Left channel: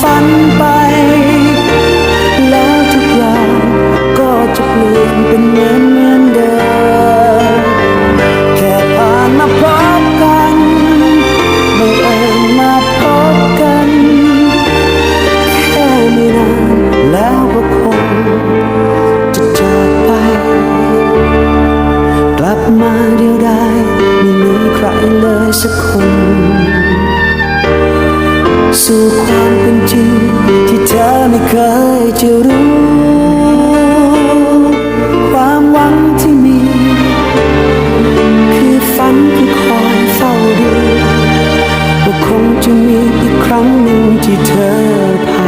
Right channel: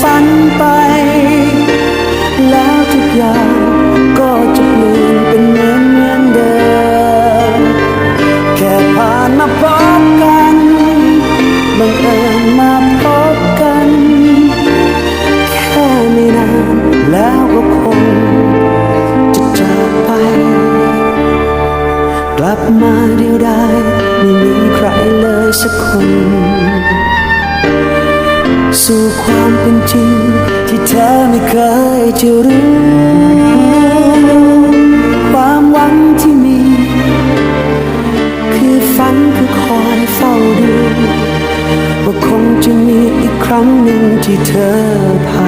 ฝันไป แล้วทุกอย่างก็จะเปลี่ยนเป็นเหมือนเหมือนเดิม แค่ผ่านมาพบกันบังเอิญมาพบกัน แค่ไม่นานแล้วก็คงจะจากไป กลับมาเดียวดายไม่มีใครเลยสักคน สู่ความเป็นจริง ที่เธอไม่เคยจะรู้ ความหวังที่มี คือฝันคือคอยเฝ้าดู ว่าคงจะมีอีกครั้งหนึ่งที่เธอผ่าน